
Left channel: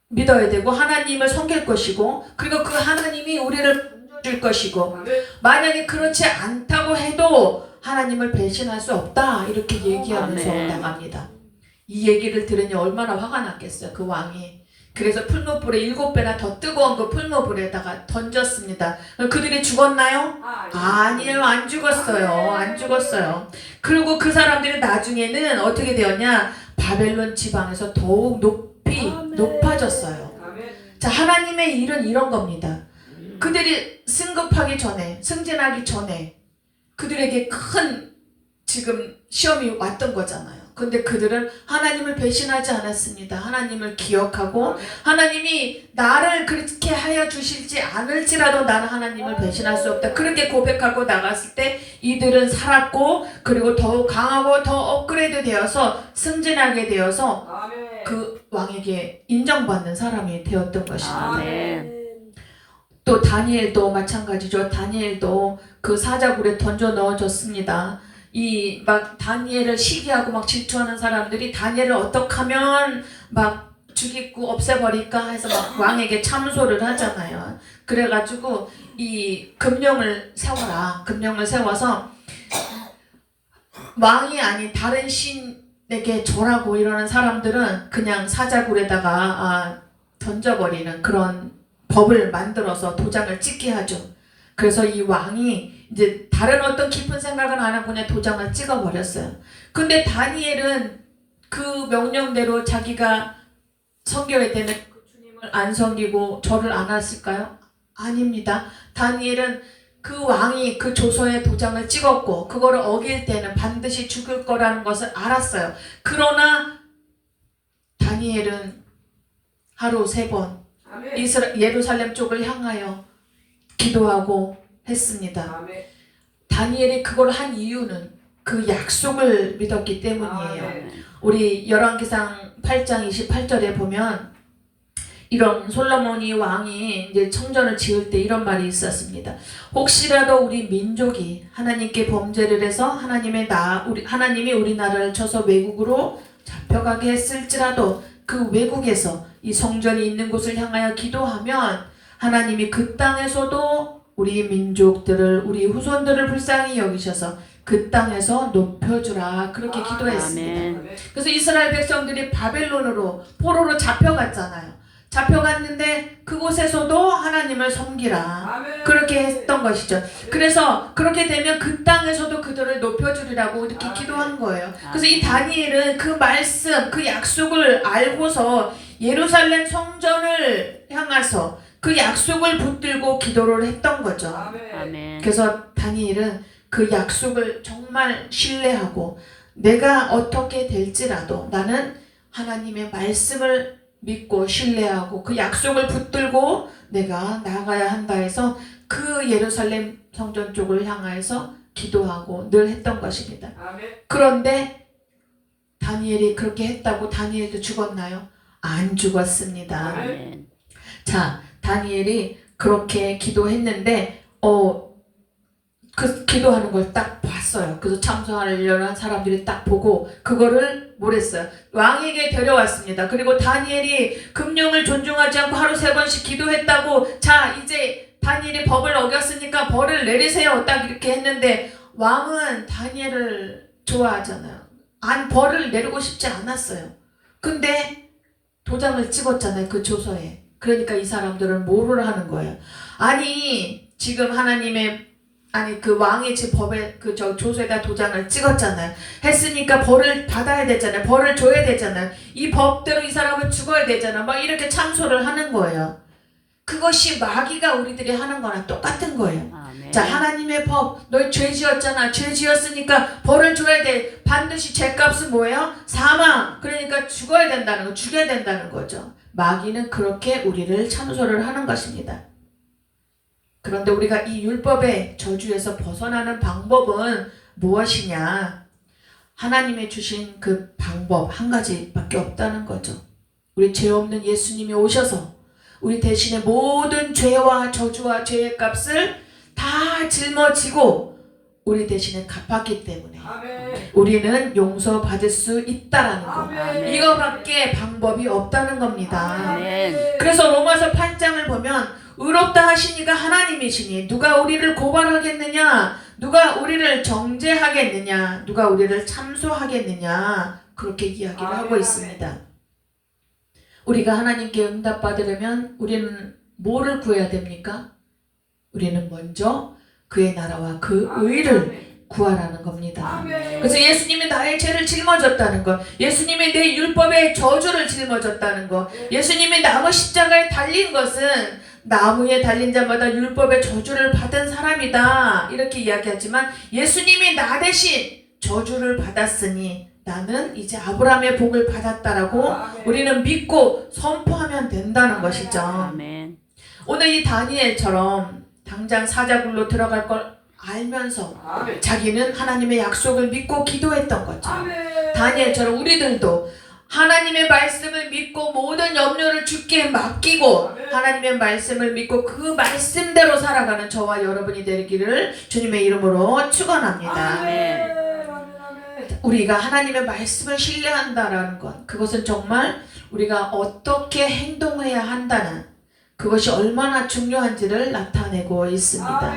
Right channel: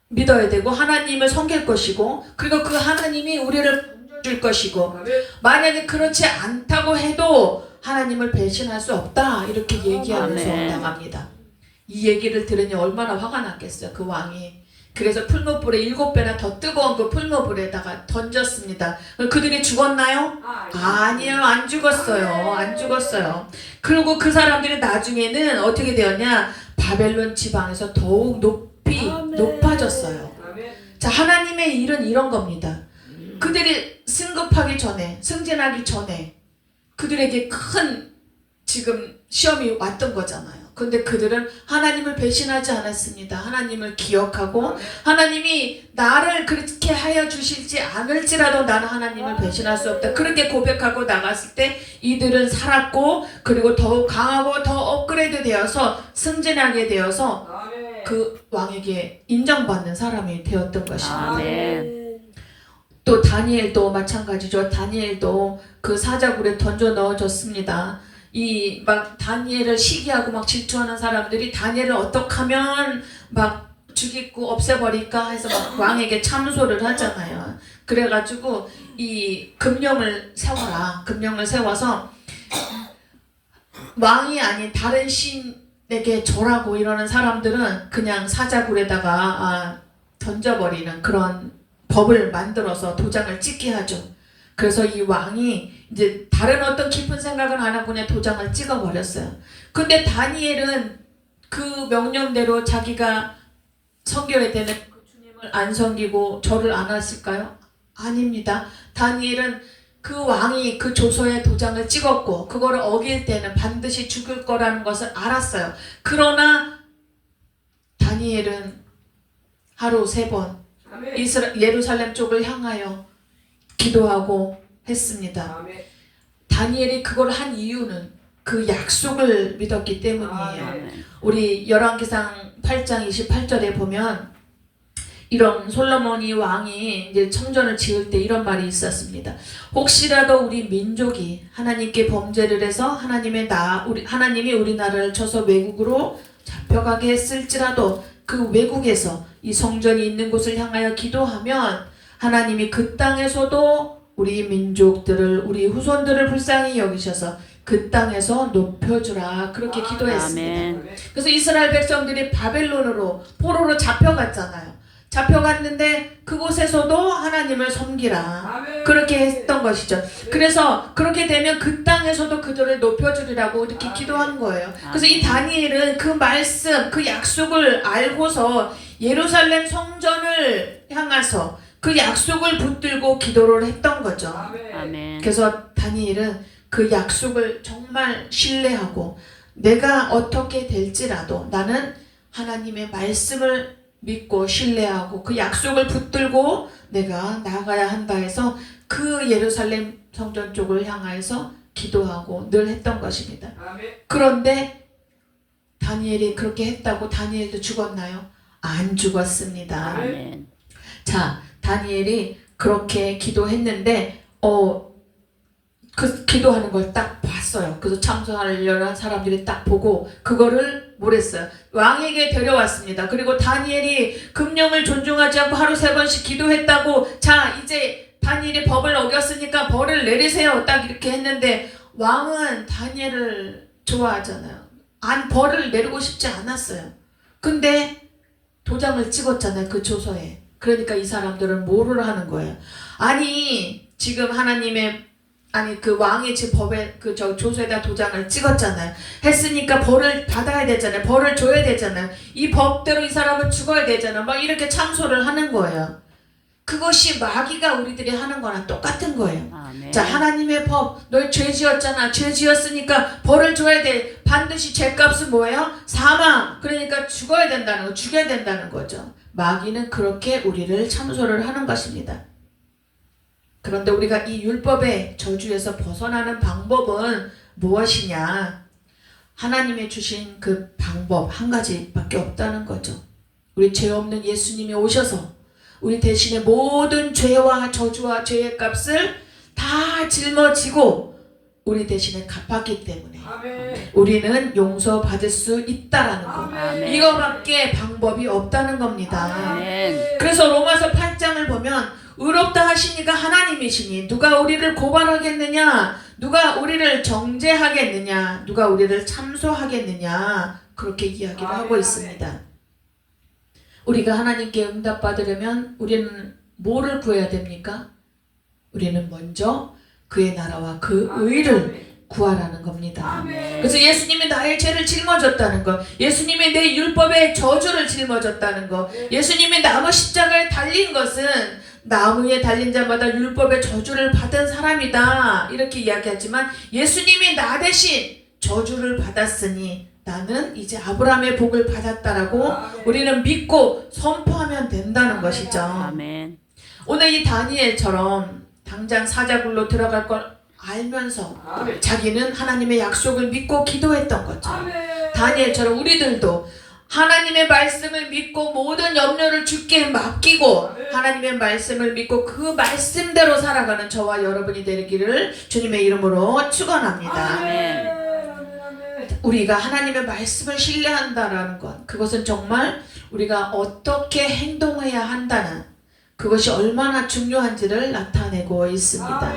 믿어야 되고 하나님을 섬길 것이고, 그리고 그 하나님이 우리를 줄 것이고, 만약에 그렇지 않다고 해도 하나님을 배신할 수 없다, 이렇게 얘기하면서 나갑니다. 이 얘기를 들으니 얼마나 화가 났겠어요, 그 왕이. 그래서 풀무불에 7배나 더 뜨거운 그 풀무불에다가 던졌습니다. 그들이 죽었나요? 아니에요, 안 죽었어요. 안 죽었어요. 그리고 그 사람들이 나중에는 어떻게 되었냐, 바벨론 지방에서 더욱 높아졌어요. 자, 하나님의 일은 이런 겁니다. 그들이 승급하기 전에, 승진하기 전에 그들에게 큰 지금 시험이 왔던 거잖아요. 근데 그들은 하나님을 배신하지 않았습니다. 하나님을 기억하고, 하나님이 나를 그렇게 하여 주실지 않을지라도 나는 하나님을 배신할 수 없다, 그렇게 고백하고 나갔을 때 이들은 살았고, 그리고 더욱 강하고 더 업그레이드 되어서 승진하게 되어서 그 왕에게 인정받는 사람이 되었던 것입니다. 또 다니엘도 마찬가지죠. 다니엘도 그 사자굴에 던져 넣어졌습니다. 이 막 다니엘을 시기하고 막 질투하는 사람들이 다니엘을 어떻게 하면 막 죽이고 없애버릴까 해서 막 왕에게 참소를 하잖아요. 그래가지고 이 금령을 세워라. 금령을 세워서 왕이 아닌 다른 신에게 절하고 이러는 사람들은 그냥 사자굴에다가 던져버리는 그런 법을 만들어서 도장을 찍게 하죠. 그래서 이 왕이 이제 다른 어떤 깊은 생각을 안 하고 그냥 도장을 찍어버렸어요. 근데 다니엘은 그 명령대로 자기가 섬겨야 되는 그 주님을 안 섬기고 절을 안 했을까요? 아닙니다. 다니엘은 그 왕이 그 조서에 도장을 찍었고 그거를 어길 때는 반드시 죽을 거라는 것을 알았어요. 그러나 다니엘은 하루 3번 예루살렘 쪽을 향하여 기도하고 했습니다. 아멘. 다니엘이 그걸 한 이유는 그 약속을 믿었기 때문이에요. 아멘. 우리 열왕기상 8장 28절에 보면 이런 솔로몬이 왕이 이제 성전을 지을 때 이런 말이 있었습니다. 혹시라도 우리 민족이 하나님께 범죄를 해서 하나님이 우리나라를 쳐서 외국으로 잡혀가게 했을지라도 그 외국에서 이 성전이 있는 곳을 향하여 기도하면 하나님이 그 땅에서도 우리 민족들을 우리 후손들을 불쌍히 여기셔서 그 땅에서 높여주라 그렇게 기도했습니다. 아멘. 그래서 이스라엘 백성들이 바벨론으로 포로로 잡혀갔잖아요. 잡혀갔는데 그곳에서도 하나님을 섬기라 그렇게 했던 것이죠. 그래서 그렇게 되면 그 땅에서도 그들을 높여주리라고 이렇게 기도한 거예요. 그래서 이 다니엘은 그 말씀 그 약속을 알고서 예루살렘 성전을 향해서 그 약속을 붙들고 기도를 했던 거죠. 아멘. 그래서 다니엘은 그 약속을 정말 신뢰하고 내가 어떻게 될지라도 나는 하나님의 말씀을 믿고 신뢰하고 그 약속을 붙들고 내가 나가야 한다 해서 그 예루살렘 성전 쪽을 향해서 기도하고 늘 했던 것입니다. 그런데 다니엘이 그렇게 했다고 다니엘도 죽었나요? 안 죽었습니다. 아멘. 자, 다니엘이 그렇게 기도했는데 그 기도하는 걸 딱 봤어요. 그래서 참소하려는 사람들이 딱 보고 그거를 뭐랬어요? 왕에게 데려왔습니다. 그리고 다니엘이 금령을 존중하지 않고 하루 3번씩 기도했다고 자 이제 다니엘이 법을 어겼으니까 벌을 내리세요. 딱 이렇게 했는데 왕은 다니엘을 좋아하잖아요. 벌을 내리고 싶지 않았어요. 근데 도장을 찍었잖아요. 그 조서에. 그러니까 이 사람들은 뭐를 하는 거예요? 아니 지금 그 왕이 제 법에 조서에다 도장을 찍었잖아요. 했으니까 벌을 받아야 되잖아요. 벌을 줘야 되잖아요. 이 법대로 이 사람은 죽어야 되잖아요. 막 이렇게 참소를 하는 거예요. 그것이 마귀가 우리들이 하는 거랑 똑같은 거예요. 아멘. 자, 하나님의 법, 너희 죄 지었잖아. 죄 지었으니까 벌을 줘야 돼. 반드시 죄값은 뭐예요? 사망. 그러니까 죽어야 된다는 거, 죽여야 된다는 거죠. 마귀는 그렇게 우리를 참소를 하는 것입니다. 그런데 우리가 이 율법의 저주에서 벗어나는 방법은 무엇이냐? 하나님의 주신 그 방법 한 가지밖에 없다는 거죠. 우리 죄 없는 예수님이 오셔서 우리 대신에 모든 죄와 저주와 죄의 값을 다 짊어지고 우리 대신에 갚았기 때문에 우리는 용서받을 수 있다라는 거. 아멘. 이거밖에 방법이 없다는 겁니다. 아멘. 그래서 로마서 8장을 보면 의롭다 하시니까 하나님이시니 누가 우리를 고발하겠느냐, 누가 우리를 정죄하겠느냐, 누가 우리를 참소하겠느냐 그렇게 이야기를 하고 있습니다. 우리가 하나님께 응답받으려면 우리는 뭐를 구해야 됩니까? 우리는 먼저 그의 나라와 그 의를 구하라는 겁니다. 그래서 예수님이 나의 죄를 짊어졌다는 것, 예수님이 내 율법의 저주를 짊어졌다는 것, 예수님이 나무 십자가에 달린 것은 나무에 달린 자마다 율법의 저주를 받은 사람이다 이렇게 이야기하지만 예수님이 나 대신 저주를 받았으니 나는 이제 아브라함의 복을 받았다라고 우리는 믿고 선포하면 된다는 것이죠. 아멘. 오늘 이 다니엘처럼 당장 사자굴로 들어갈 걸 알면서 자기는 하나님의 약속을 믿고 기도했던 거죠. 다니엘처럼 우리들도 하나님의 말씀을 믿고 모든 염려를 주께 맡기고 하나님의 말씀을 믿고 그 말씀대로 살아가는 저와 여러분이 되기를 주님의 이름으로 축원합니다. 아멘. 우리가 하나님의 말씀을 신뢰한다라는 것, 그것은 정말 우리가 어떻게 행동해야 한다는 그것이 얼마나 중요한지를 나타내고 있습니다.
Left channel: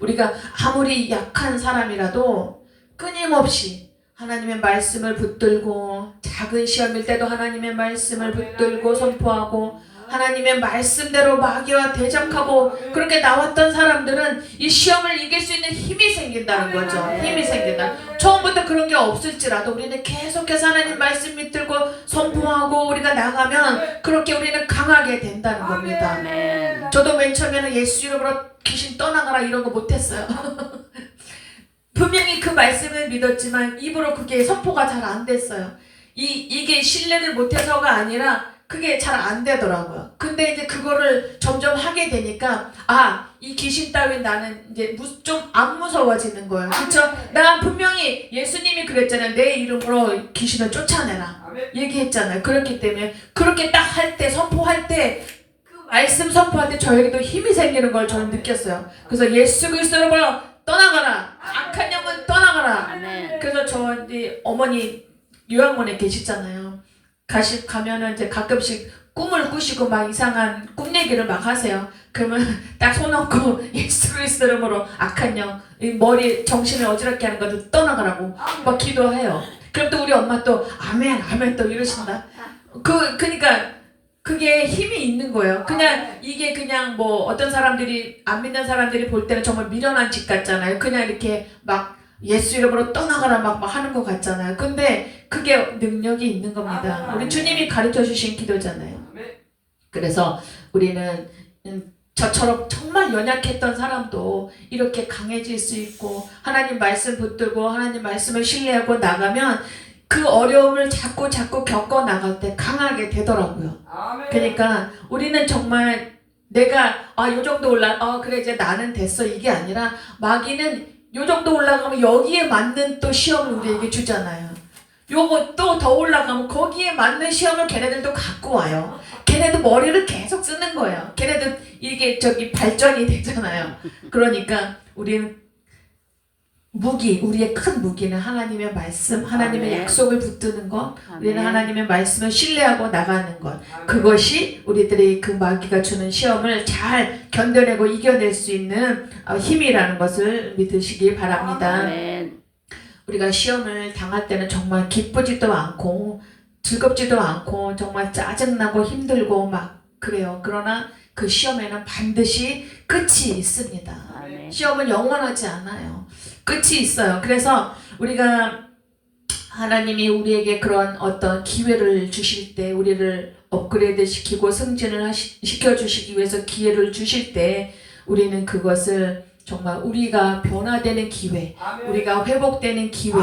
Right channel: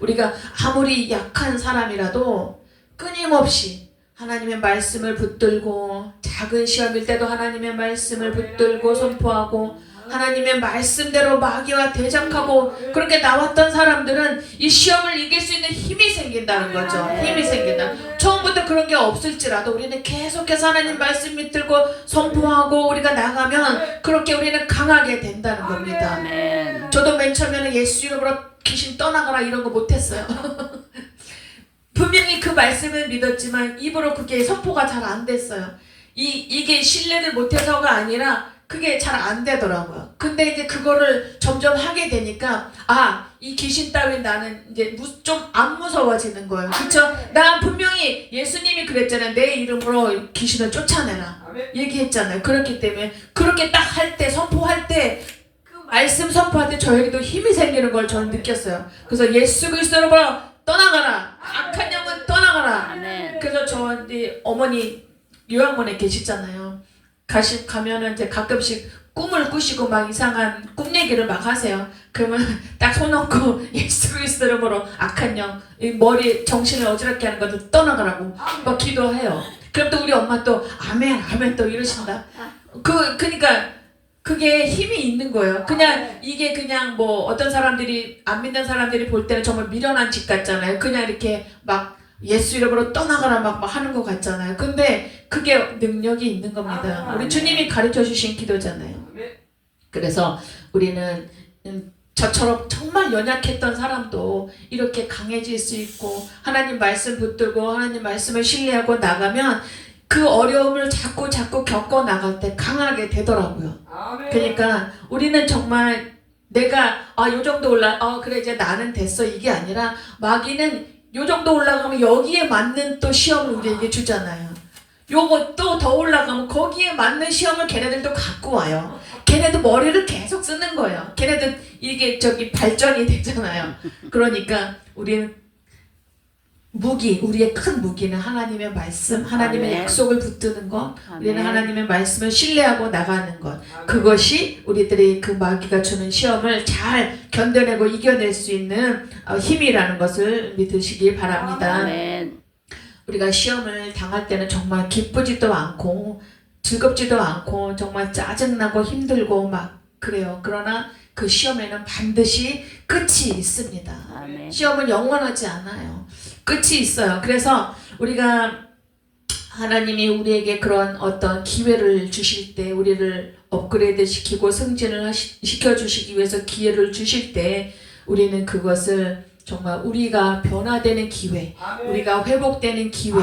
우리가 아무리 약한 사람이라도 끊임없이 하나님의 말씀을 붙들고 작은 시험일 때도 하나님의 말씀을 붙들고 선포하고 하나님의 말씀대로 마귀와 대적하고 그렇게 나왔던 사람들은 이 시험을 이길 수 있는 힘이 생긴다는 거죠. 힘이 생긴다. 처음부터 그런 게 없을지라도 우리는 계속해서 하나님 말씀 밑들고 선포하고 우리가 나가면 그렇게 우리는 강하게 된다는 겁니다. 아멘. 저도 맨 처음에는 예수 이름으로 귀신 떠나가라 이런 거 못했어요. 분명히 그 말씀을 믿었지만 입으로 그게 선포가 잘 안 됐어요. 이게 신뢰를 못해서가 아니라 그게 잘 안 되더라고요. 근데 이제 그거를 점점 하게 되니까 이 귀신 따위 나는 이제 좀 안 무서워지는 거예요. 그쵸? 난 분명히 예수님이 그랬잖아요. 내 이름으로 귀신을 쫓아내라 얘기했잖아요. 그렇기 때문에 그렇게 딱 할 때 선포할 때 그 말씀 선포할 때 저에게도 힘이 생기는 걸 저는 느꼈어요. 그래서 예수 그리스도로 떠나가라. 악한 영은 떠나가라. 아멘. 그래서 저 이제 어머니 요양원에 계시잖아요. 가면은 이제 가끔씩 꿈을 꾸시고 막 이상한 꿈 얘기를 막 하세요. 그러면 딱 손 얹고 예수 그리스도 이름으로 악한 영, 이 머리 정신을 어지럽게 하는 것을 떠나가라고 막 기도해요. 그럼 또 우리 엄마 또 아멘 아멘 또 이러신다. 그러니까 그게 힘이 있는 거예요. 그냥 이게 그냥 뭐 어떤 사람들이 안 믿는 사람들이 볼 때는 정말 미련한 짓 같잖아요. 그냥 이렇게 막 예수 이름으로 떠나가라 막 하는 것 같잖아요. 근데 그게 능력이 있는 겁니다. 우리 주님이 가르쳐 주신 기도잖아요. 그래서 우리는 저처럼 정말 연약했던 사람도 이렇게 강해질 수 있고 하나님 말씀 붙들고 하나님 말씀을 신뢰하고 나가면 그 어려움을 자꾸 겪어 나갈 때 강하게 되더라고요. 그러니까 우리는 정말 내가 요 정도 그래 이제 나는 됐어 이게 아니라 마귀는 요 정도 올라가면 여기에 맞는 또 시험을 우리에게 주잖아요. 요거 또 더 올라가면 거기에 맞는 시험을 걔네들도 갖고 와요. 걔네도 머리를 계속 쓰는 거예요. 걔네도 이게 발전이 되잖아요. 그러니까 우리는 우리의 큰 무기는 하나님의 말씀, 하나님의 아멘. 약속을 붙드는 것, 우리는 아멘. 하나님의 말씀을 신뢰하고 나가는 것. 그것이 우리들이 그 마귀가 주는 시험을 잘 견뎌내고 이겨낼 수 있는 힘이라는 것을 믿으시기 바랍니다. 아멘. 우리가 시험을 당할 때는 정말 기쁘지도 않고 즐겁지도 않고 정말 짜증나고 힘들고 막 그래요. 그러나 그 시험에는 반드시 끝이 있습니다. 아멘. 시험은 영원하지 않아요. 끝이 있어요. 그래서 우리가 하나님이 우리에게 그런 어떤 기회를 주실 때 우리를 업그레이드 시키고 승진을 시켜주시기 위해서 기회를 주실 때 우리는 그것을 정말 우리가 변화되는 기회, 우리가 회복되는 기회,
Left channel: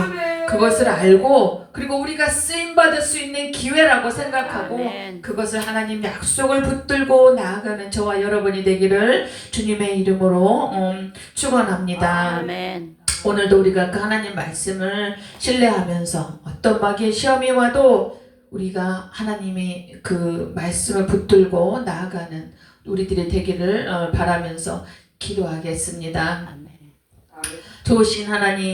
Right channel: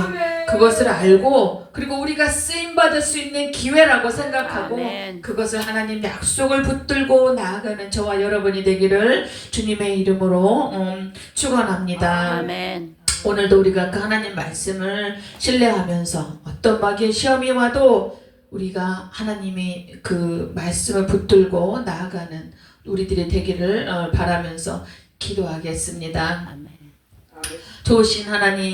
그것을 알고 그리고 우리가 쓰임받을 수 있는 기회라고 생각하고 아멘. 그것을 하나님 약속을 붙들고 나아가는 저와 여러분이 되기를 주님의 이름으로 축원합니다. 아멘. 오늘도 우리가 그 하나님 말씀을 신뢰하면서 어떤 마귀의 시험이 와도 우리가 하나님의 그 말씀을 붙들고 나아가는 우리들이 되기를 바라면서 기도하겠습니다. 아멘. 좋으신 하나님